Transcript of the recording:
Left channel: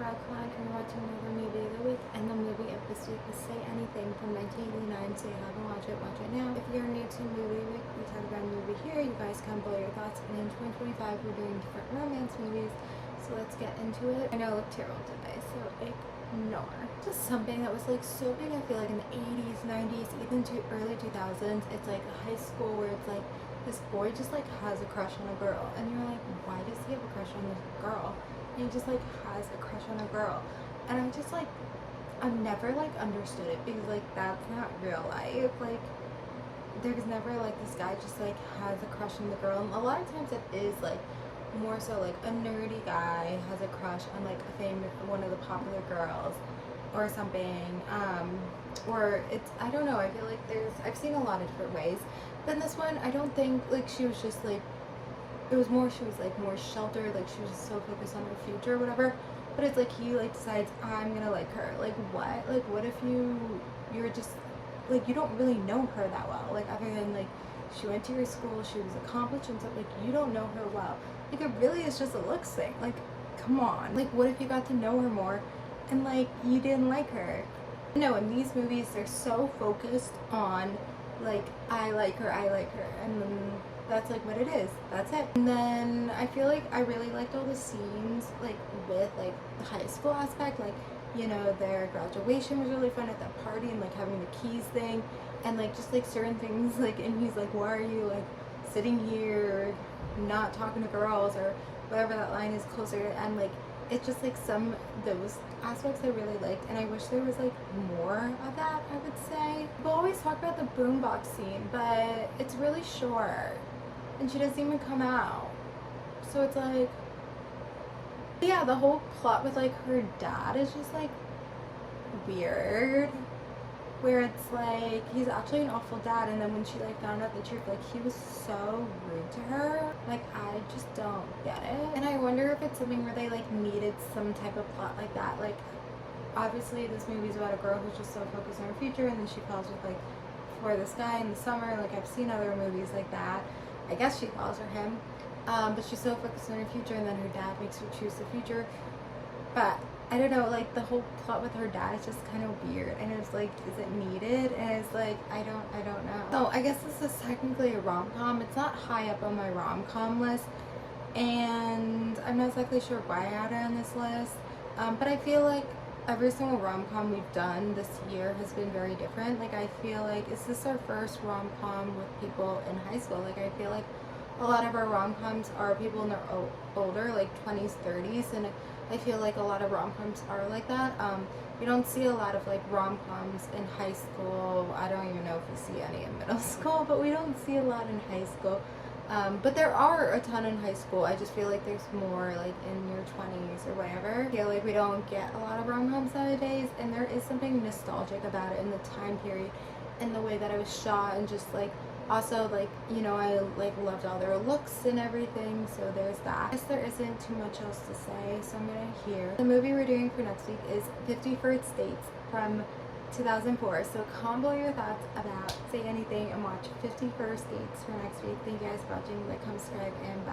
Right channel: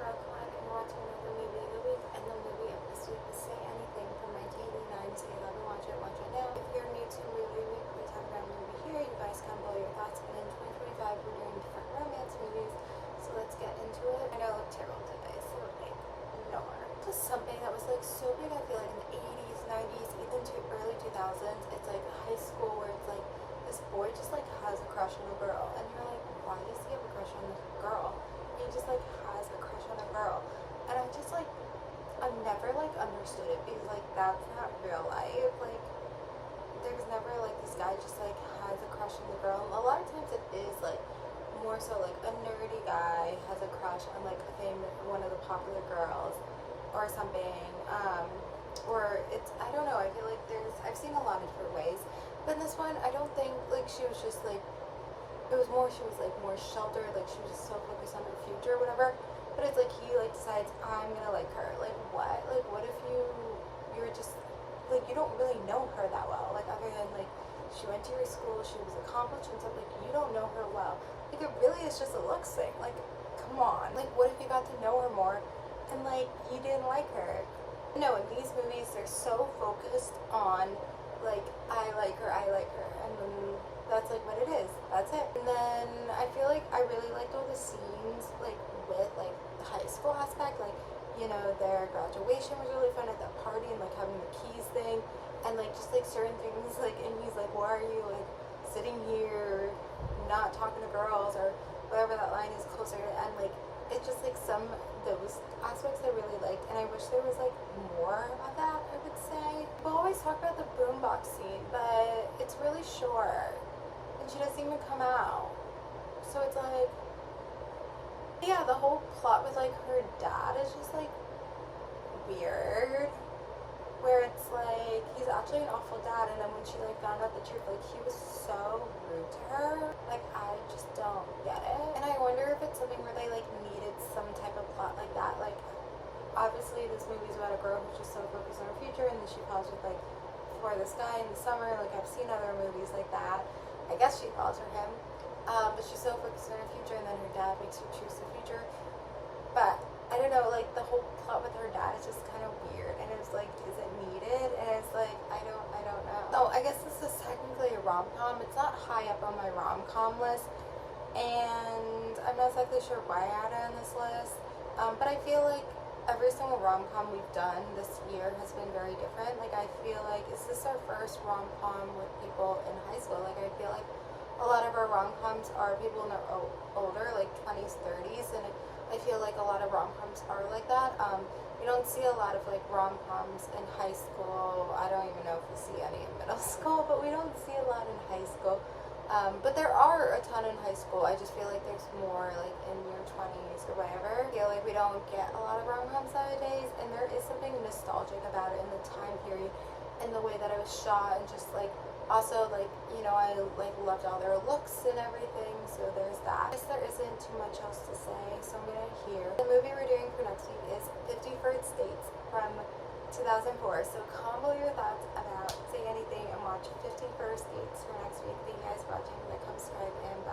Redline and we're watching another movie of the week, and the movie of this week is Say Anything from 1989. So you haven't watched it, watch it now. If you're new to Movie Week, we talk about a movie here, you guys can blow your thoughts, and in 2025 we're doing different romance movies, so let's get into it. I know I look terrible today, so ignore. Just something that was like so big, I feel like in the 80s, 90s, even to early 2000s. It's like high school where it's like this boy just like has a crush on a girl, and you're like, why does he have a crush on this girl? And he just like has a crush on a girl, and I'm just like, I've never like understood it, because like that's not real life. Like there's never like this guy just like has a crush on the girl, and a lot of times it is like more so like a nerdy guy has a crush on like a famous one of the popular girls or something, or it's, I don't know, I feel like I've seen a lot of different ways, but in this one I don't think like she was just like, it was more, she was like more sheltered, like she was just so focused on her future or whatever. But it's like he like decides, I'm gonna like her. Like what? Like what if you're just like, you don't really know her that well, like other than like she went to your school, she was accomplished and stuff, like you don't know her well. Like it really is just a looks thing. Like come on. Like what if you got to know her more and like you didn't like her? No, in these movies they're so focused on like, I like her, and then that's like what it is, that's it. And then I feel like I really liked all the scenes like with like the high school aspect, like, you know, their graduation was really fun at that party, and like having the keys thing, and like just like certain things, like, and he's like, why are you like sitting here not talking to girls, or whatever that line is closer, and like it's just like some those aspects I really liked, and I wish there was like more of that, I would say. People always talk about the boombox scene, but it's really short and she doesn't even come out, so it's like, yeah, the whole plot with like her dad is just like weird, where it's like he's actually an awful dad, and then when she like found out the truth, like he was so rude to her. Like I just don't get it, and I wonder if it's something where they like needed some type of plot like that. Like obviously this movie's about a girl who's just so focused on her future, and then she falls with like for this guy in the summer. Like I've seen other movies like that. I guess she falls for him, but she's so focused on her future, and then her dad makes her choose the future. But I don't know, like the whole plot with her dad is just kind of weird, and it's like, is it needed? And it's like, I don't know. So I guess this is technically a rom-com. It's not high up on my rom-com list, and I'm not exactly sure why I added it on this list, but I feel like every single rom-com we've done this year has been very different. Like I feel like, is this our first rom-com with people in high school? Like I feel like a lot of our rom-coms are people in their older, like 20s, 30s, and I feel like a lot of rom-coms are like that. You don't see a lot of like rom-coms in high school. I don't even know if we see any in middle school, but we don't see a lot in high school. But there are a ton in high school. I just feel like there's more like in your 20s or whatever. I feel like we don't get a lot of rom-coms nowadays, and there is something nostalgic about it in the time period and the way that it was shot, and just like, also like, you know, I like loved all their looks and everything, so there's that. I guess there isn't too much else to say, so I'm gonna hear. The movie we're doing for next week is 50 First Dates from 2004. So comment below your thoughts about Say Anything, and watch 50 First Dates for next week. Thank you guys for watching. Like, comment, subscribe, and bye.